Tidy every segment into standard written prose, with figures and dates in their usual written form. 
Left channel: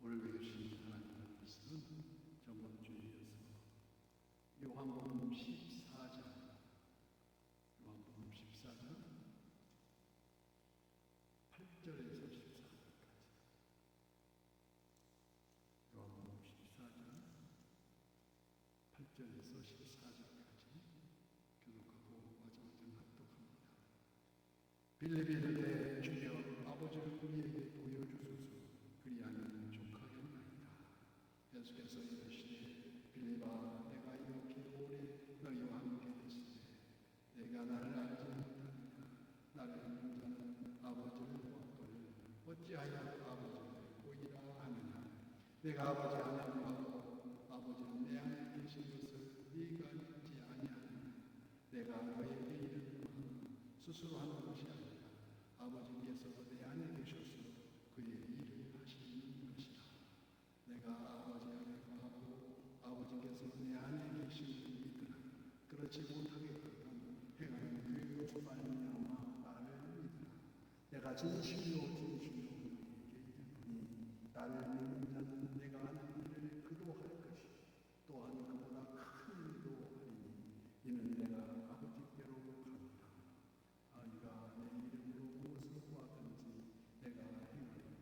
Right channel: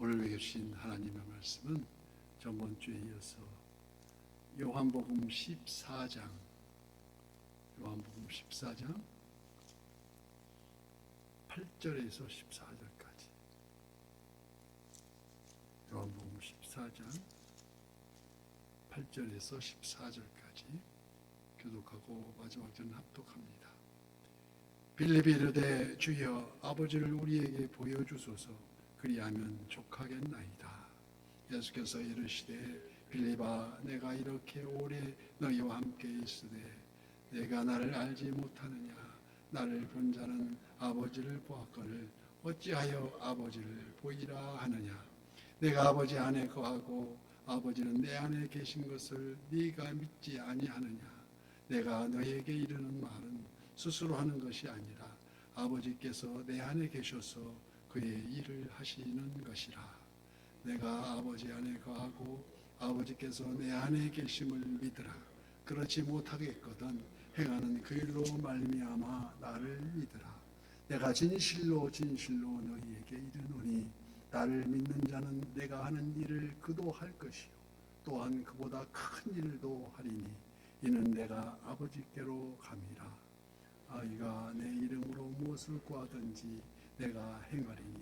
오늘 외우신 하나님의 말씀은 저번 주에 이어서 요한복음 14장 8절에서 14절까지, 요한복음 14장 8절에서 14절까지 교독하고 마지막 전 합독합니다. 빌립이 이르되 주여 아버지를 우리에게 보여주소서, 그리하면 족하겠나이다. 예수께서 이르시되 빌립아, 내가 이렇게 오래 너희와 함께 있으되 내가 나를 알지 못하느냐? 나를 본 자는 아버지를 보았거늘 어찌하여 아버지를 보이라 하느냐? 내가 아버지 안에 거하고 아버지는 내 안에 계신 것을 네가 믿지 아니하느냐? 내가 너희에게 이르는 말은 스스로 하는 것이 아니라 아버지께서 내 안에 계셔서 그의 일을 하시는 것이라. 내가 아버지 안에 거하고 아버지께서 내 안에 계심을 믿으라. 그렇지 못하겠거든 행하는 그 일로 말미암아 나를 믿으라. 내가 진실로 진실로 너희에게 이르노니 나를 믿는 자는 내가 하는 일을 그도 할 것이요 또한 그보다 큰 일도 하리니 이는 내가 아버지께로 감이라. 아이가 내 이름으로 무엇을 구하든지 내가 행하리니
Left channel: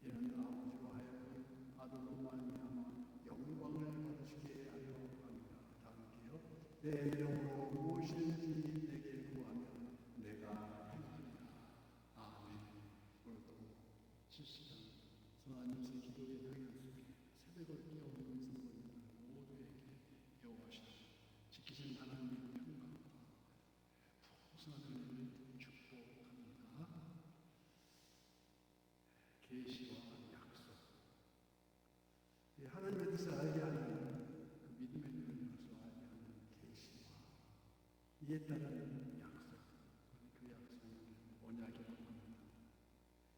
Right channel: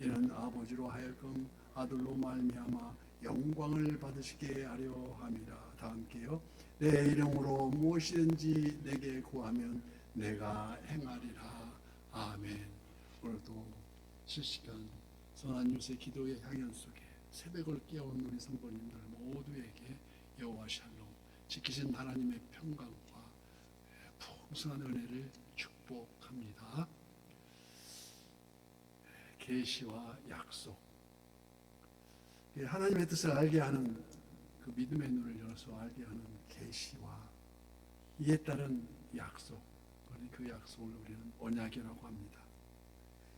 이는 아버지로 하여금 아들로 말미암아 영광을 받으시게 하려 함이라. 다 함께요. 내 이름으로 무엇이든지 내게 구하면 내가 행하리라. 아멘. 오늘도 실시간 선한 유세 기도의 향연 속에 새벽을 깨운 우리 성도님들 모두에게 여호와 샬롬, 지키신 하나님의 평강과 풍성한 은혜를 축복합니다. 계시와 약속, 하나님의 뜻을 알게 하는 그 믿음의 눈을 열어서 알게 하는 계시와 이에 따른 약속, 그 약속을 우리는 언약이라고 합니다.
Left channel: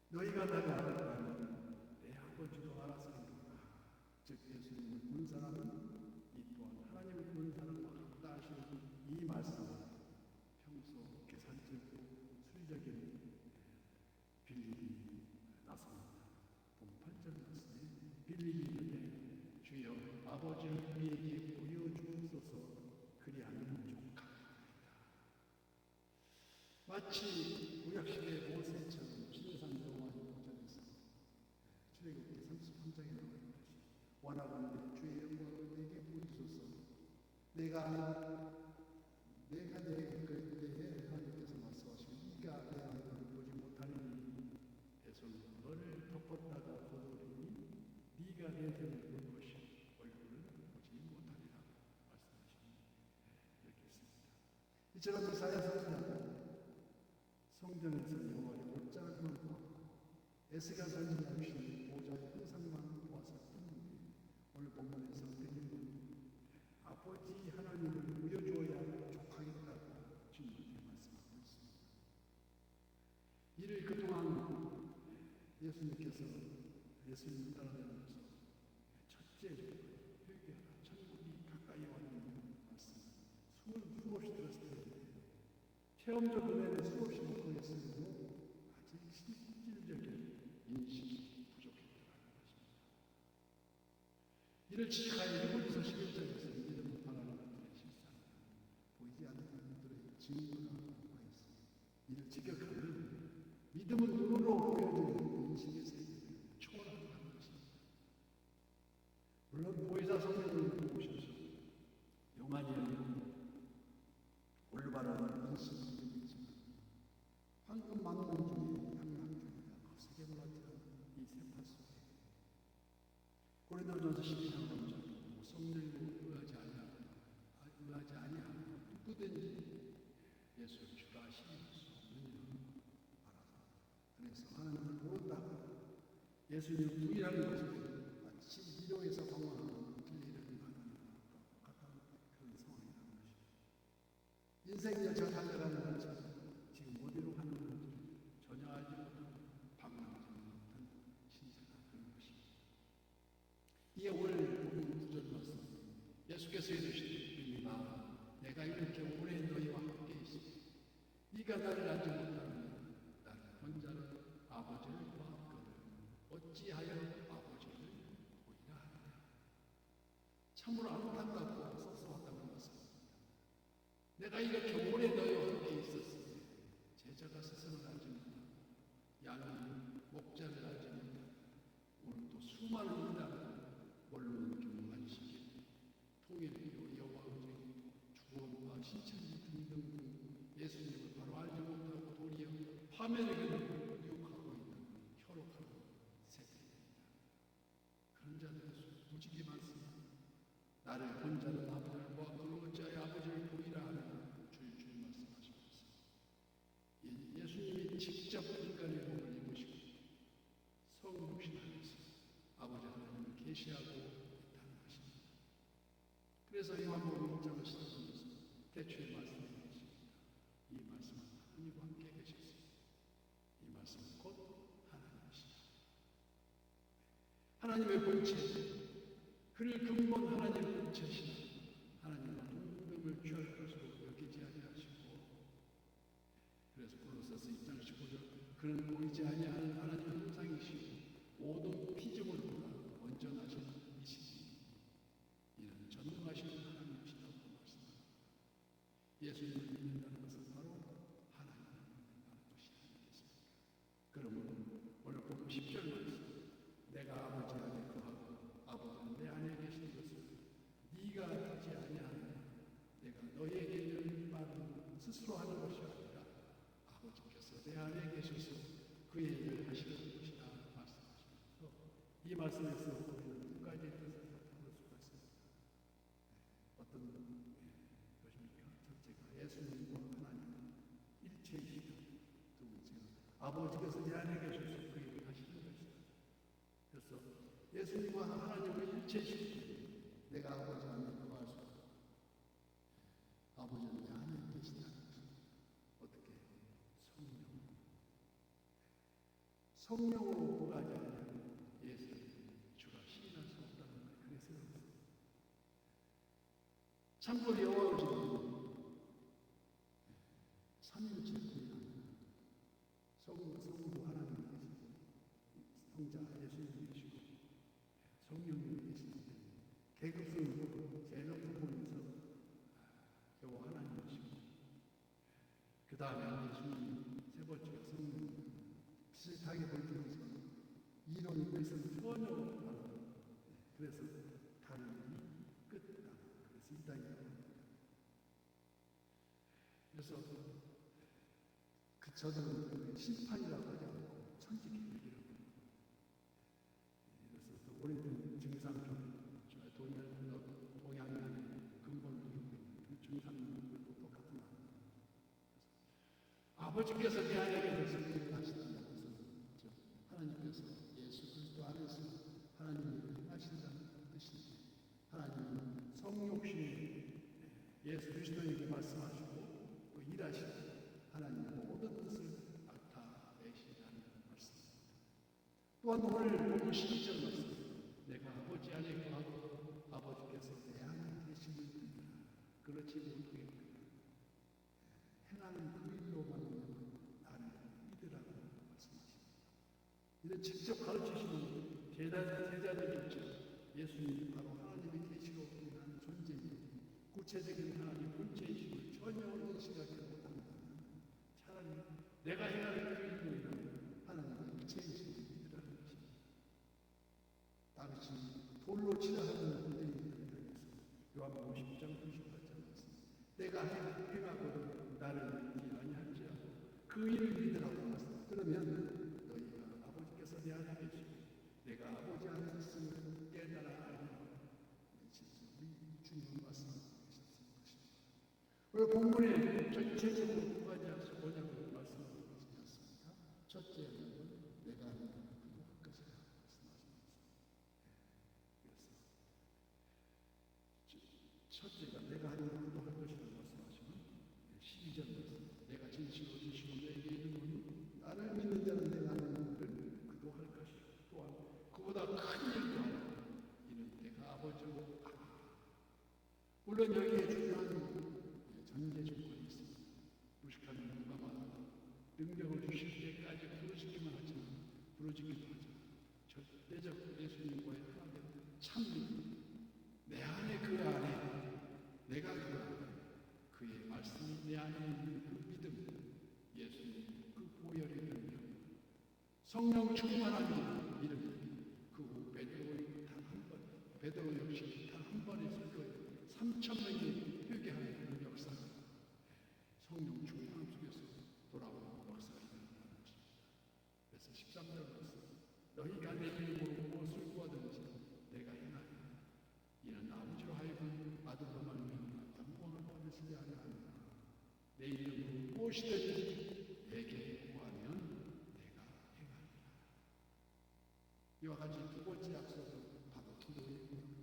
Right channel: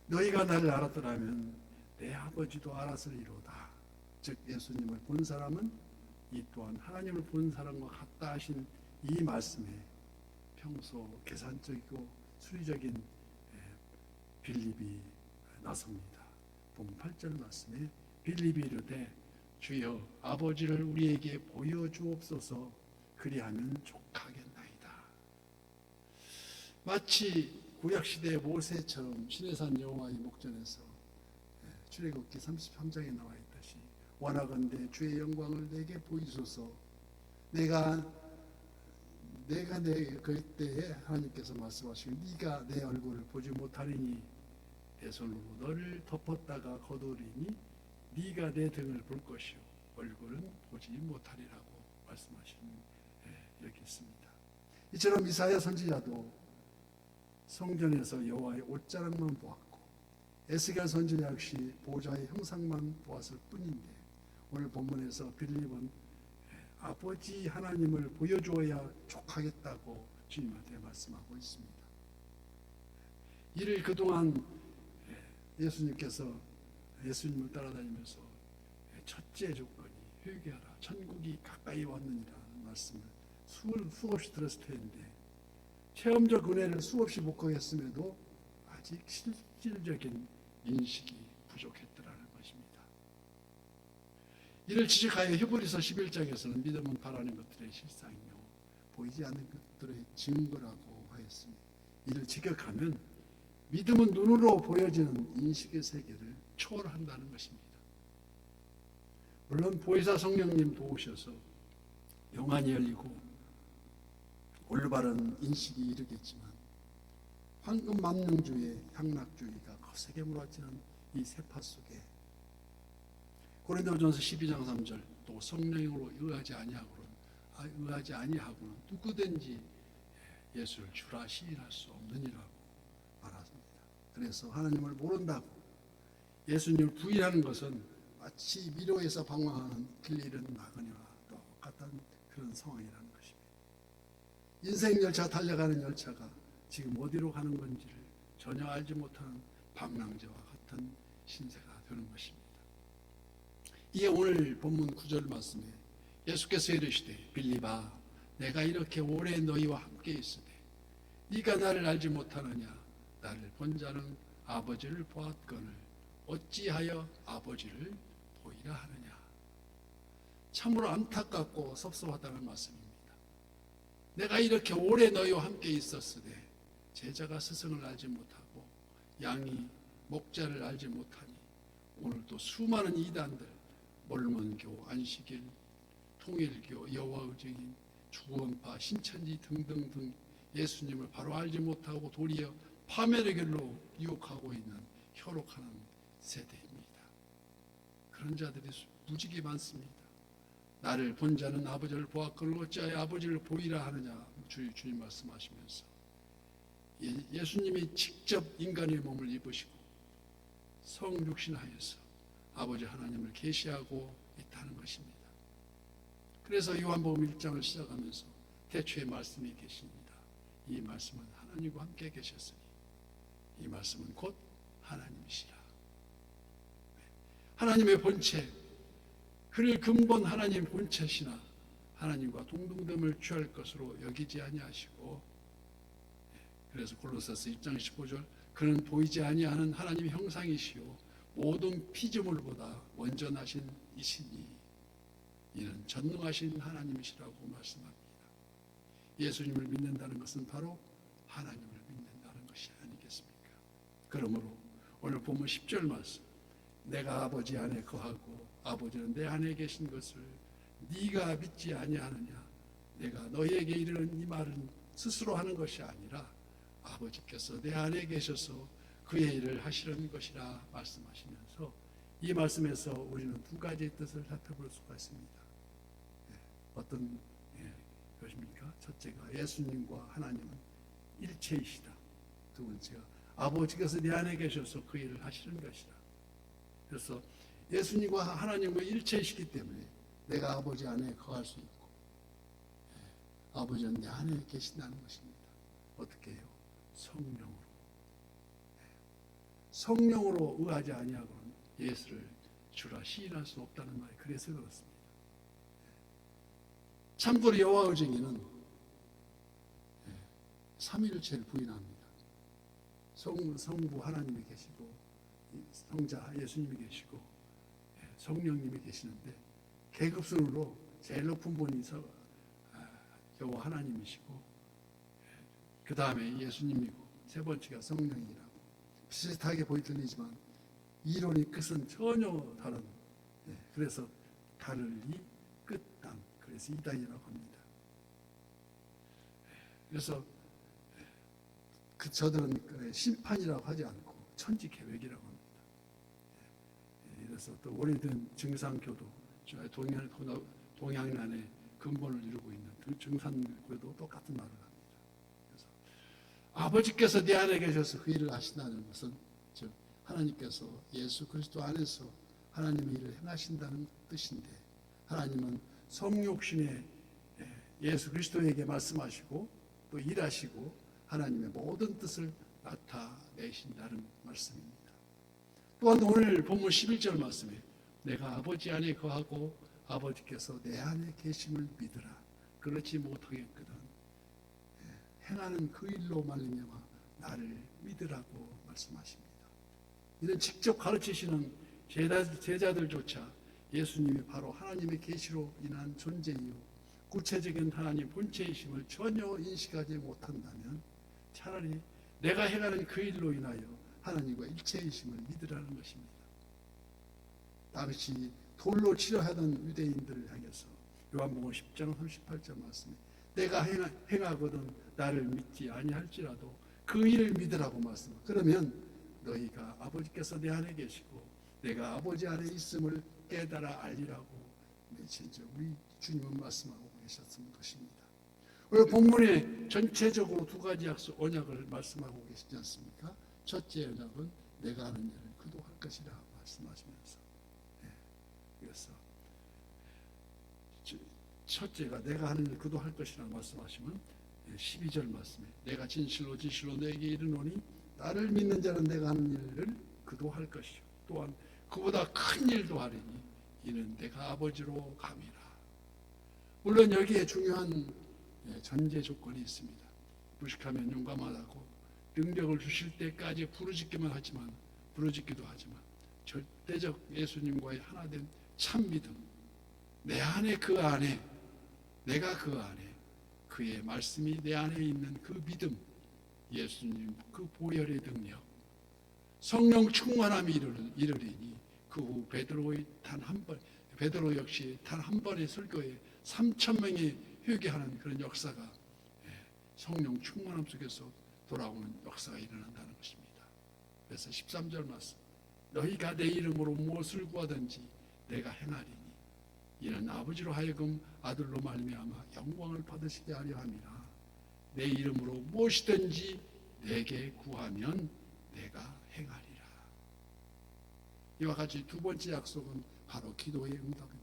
너희가 나를 알았더라면 내 아버지도 알았으리로다. 즉 예수님을 본 사람은 이 또한 하나님을 본 사람과 같다 하신 이 말씀에 평소 계산적이고 수리적인 빌립이 나섭니다. 본 8절 말씀에 빌립이 이르되 주여 아버지를 우리에게 보여주옵소서, 그리하면 족하겠나이다. 마치 구약시대 모세처럼 시내산 여호와의 목전에서 출애굽기 33장에 나와 있듯이 원하건대 주의 영광을 내게 보이소서. 내가 그때에 하나님께서 말씀하시고 네가 내 얼굴을 보지 못하리니 내 손으로 너를 덮었다가 거두리니 네가 내 등을 볼 것이요 얼굴은 보지 못하리라고 말씀하시니 이렇게 있습니다. 이처럼 이사야 선지자도 성전에서 여호와의 옷자락만 보았고 에스겔 선지자 역시 보좌의 형상만 보았을 뿐인데 오늘 본문에서 빌립은 아버지 하나님을 보여주어야 족하겠다고 주님한테 말씀하고 있습니다. 이를 그동안 예수님께서 예수님을 따라다니면서 첫째 조건이 회개하라, 천국이 가까이 왔느니라는 말씀을 수없이 들었을 텐데 체험적 은혜를 수없이 목격했음에도 아직 실질적인 인식이 부족했더라는 것입니다. 이를 지적하여 히브리서 11장에서는 믿음은 바라는 것들의 실상이요 보이지 않는 것들의 증거라고 하였습니다. 이를 직역하면 믿음은 눈으로 보여지는 인식의 세계를 초월한다는 것입니다. 물론 보혜사 성령님 도우셔서 영안이 열리고 올바른 인식이 이르겠지만 황금만능주의 향락주의가 거세게 몰아치는 이 세파 속에 고린도전서 12장 3절 또 성령으로 의하지 아니하고 누구든지 예수를 주라 시인할 수 없느니라고 말합니다. 그래서 하나님을 모른다고 예수님을 부인하는 것은 마치 미로에서 방황하는 길 잃은 나그네와 똑같은 그런 상황이라는 것입니다. 인생 열차 달려가는 열차가 지금 어디로 가는 건지를 전혀 알지 못하는 방랑자와 같은 신세가 되는 것입니다. 이에 오늘 본문 9절 말씀에 예수께서 이르시되 빌립아, 내가 이렇게 오래 너희와 함께 있으되 네가 나를 알지 못하느냐? 나를 본 자는 아버지를 보았거늘 어찌하여 아버지를 보이라 하느냐. 참으로 안타깝고 섭섭하다는 말씀입니다. 내가 이렇게 오래 너희와 함께 있었으되 제자가 스승을 알지 못하고 양이 목자를 알지 못하니 오늘 또 수많은 이단들 몰몬교, 안식일, 통일교, 여호와의 증인, 주원파, 신천지 등등등 예수님을 바로 알지 못하고 도리어 파멸의 길로 유혹하고 있는 혈혹하는 세대입니다. 그런 자들이 무지개 많습니다. 나를 본 자는 아버지를 보았거늘 어찌하여 아버지를 보이라 하느냐. 주님 말씀하시면서 예수님이 직접 인간의 몸을 입으시고 성육신하여서 아버지 하나님을 계시하고 있다는 것입니다. 그래서 요한복음 1장을 시작하면서 태초에 말씀이 계십니다. 이 말씀은 하나님과 함께 계셨으니 이 말씀은 곧 하나님이시라. 하나님의 본체, 그를 근본 하나님 본체시나 하나님과 동등됨을 취할 것으로 여기지 아니하시고, 그래서 골로새서 1장 15절 그는 보이지 아니하는 하나님 형상이시요 모든 피조물보다 먼저 나신 이시니 이는 전능하신 하나님이시라고 말씀합니다. 예수님을 믿는다는 것은 바로 하나님을 믿는다는 것이 아니겠습니까? 그러므로 오늘 본문 10절 말씀, 내가 아버지 안에 거하고 아버지는 내 안에 계신 것을 네가 믿지 아니하느냐. 내가 너희에게 이르는 이 말은 스스로 하는 것이 아니라 아버지께서 내 안에 계셔서 그의 일을 하시려는 것이라 말씀하시면서 이 말씀에서 우리는 두 가지의 뜻을 살펴볼 수가 있습니다. 어떤 것입니까? 첫째가 예수님과 하나님은 일체이시다. 두 번째가 아버지께서 내 안에 계셔서 그 일을 하시는 것이다. 그래서 예수님과 하나님은 일체이시기 때문에 내가 아버지 안에 거할 수 있고 아버지는 내 안에 계신다는 것입니다. 어떻게 해요? 성령으로. 성령으로 의하지 아니하고 예수를 주라 시인할 수 없다는 말이 그래서 그렇습니다. 참고로 여호와의 증인은 삼위일체를 부인합니다. 성부 하나님이 계시고 성자 예수님이 계시고 성령님이 계시는데 계급순으로 제일 높은 분이 여호와 하나님이시고 그 다음에 예수님이고 세 번째가 성령이라고 비슷하게 보이지만 이론이 끝은 전혀 다른, 그래서 다르니 끝당, 그래서 이단이라고 합니다. 그래서 저들은 심판이라고 하지 않고 천지 계획이라고 합니다. 그래서 또 오래된 증상교도 동양난의 근본을 이루고 있는 증산교도 똑같은 말을 합니다. 그래서 아버지께서 내 안에 계셔서 그 일을 하신다는 것은 즉 하나님께서 예수 그리스도 안에서 하나님의 일을 행하신다는 뜻인데, 하나님은 성육신에 예수 그리스도에게 말씀하시고 또 일하시고 하나님의 모든 뜻을 나타내신다는 말씀입니다. 또한 오늘 본문 11절 말씀에 내가 아버지 안에 거하고 아버지께서 내 안에 계심을 믿으라. 그렇지 못하겠거든 행하는 그 일로 말미암아 나를 믿으라고 말씀하십니다. 이는 직접 가르치시는 제자들조차 예수님이 바로 하나님의 계시로 인한 존재이요 구체적인 하나님 본체이심을 전혀 인식하지 못한다면 차라리 내가 행하는 그 일로 인하여 하나님과 일체이심을 믿으라는 것입니다. 당시 돌로 치려하던 유대인들을 향해서 요한복음 10장 38절 말씀, 내가 행하거든 나를 믿지 아니할지라도 그 일을 믿으라고 말씀. 그러면 너희가 아버지께서 내 안에 계시고 내가 아버지 안에 있음을 깨달아 알리라고 진짜 우리 주님은 말씀하고 계셨던 것입니다. 오늘 본문에 전체적으로 두 가지 언약을 말씀하고 계시지 않습니까? 첫째 언약은 내가 하는 일을 그도 할 것이라 말씀하시면서, 그래서 첫째가 내가 하는 일을 그도 할 것이라 말씀하시면 12절 말씀에 내가 진실로 너에게 이르노니 나를 믿는 자는 내가 하는 일을 그도 할 것이요 또한 그보다 큰 일도 하리니 이는 내가 아버지로 감이라. 물론 여기에 중요한 전제 조건이 있습니다. 무식하면 용감하다고 능력을 주실 때까지 부르짖기도 하지만 절대적 예수님과의 하나된 참 믿음, 내 안에 그 안에 내가 그 안에 그의 말씀이 내 안에 있는 그 믿음, 예수님 그 보혈의 능력, 성령 충만함이 이르리니 그 후 베드로 역시 단 한 번의 설교에 3,000명이 회개하는 그런 역사가 성령 충만함 속에서 돌아오는 역사가 일어난다는 것입니다. 그래서 13절 말씀, 너희가 내 이름으로 무엇을 구하든지 내가 행하리니 이는 아버지로 하여금 아들로 말미암아 영광을 받으시게 하려 함이라. 내 이름으로 무엇이든지 내게 구하면 내가 행하리라. 이와 같이 두 번째 약속은 바로 기도의 응답입니다.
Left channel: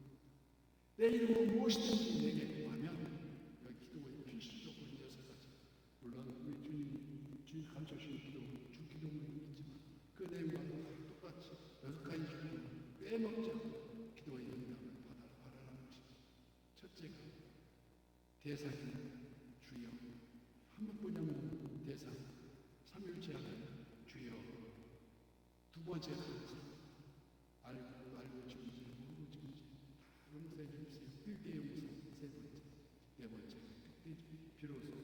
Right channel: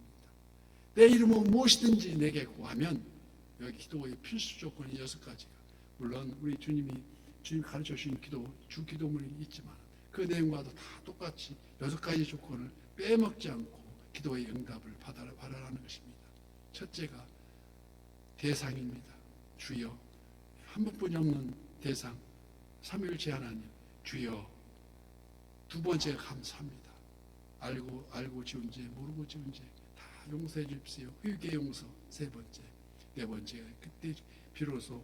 내 이름으로 무엇이든지 내게 구하면, 여기 기도의 필수 조건이 6가지가, 물론 우리 주님 가르쳐 주신 주 기도문이 있지만 그 내용과도 다 똑같이 6가지 조건을 빼먹지 않고 기도의 응답을 바라라는 것입니다. 첫째가 대상입니다. 주여, 한 분뿐이 없는 대상, 삼위일체 하나님 주여. 두 번째가 감사합니다. 알고 지은 죄, 모르고 지은 죄 다 용서해 주십시오. 회개 용서. 세 번째. 네 번째가 그때 비로소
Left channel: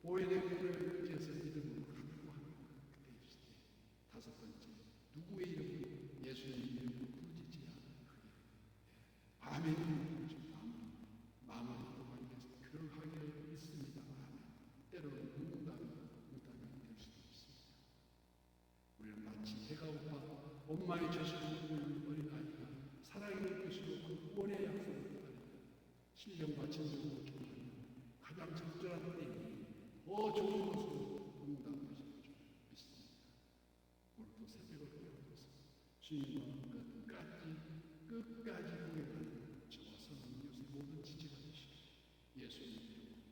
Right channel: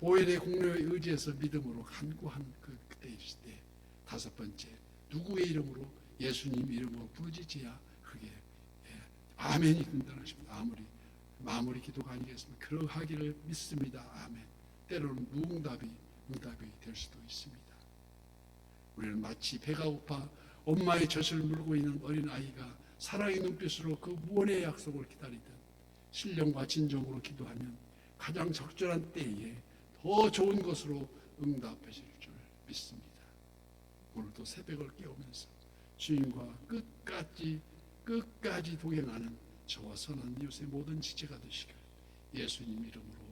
보혈의 공로에 의지해서 믿음으로 간구한 그때이실 때. 다섯 번째, 누구의 이름으로? 예수님 이름으로 부르짖어야 그게 아멘이 된다는 것입니다. 마무리 기도가 아니겠습니까? 그러하기를 믿습니다. 아멘. 때로는 무응답이 될 수도 있습니다. 우리는 마치 배가 고파 엄마의 젖을 물고 있는 어린아이가 사랑의 눈빛으로 그 무언의 약속을 기다리듯 신령과 진정으로 기도하면 가장 적절한 때에 더 좋은 것으로 응답하실 줄 믿습니다. 오늘도 새벽을 깨우면서 주님과 끝까지 동행하는 저와 선한 이웃의 모든 지체가 되시길 예수님 이름으로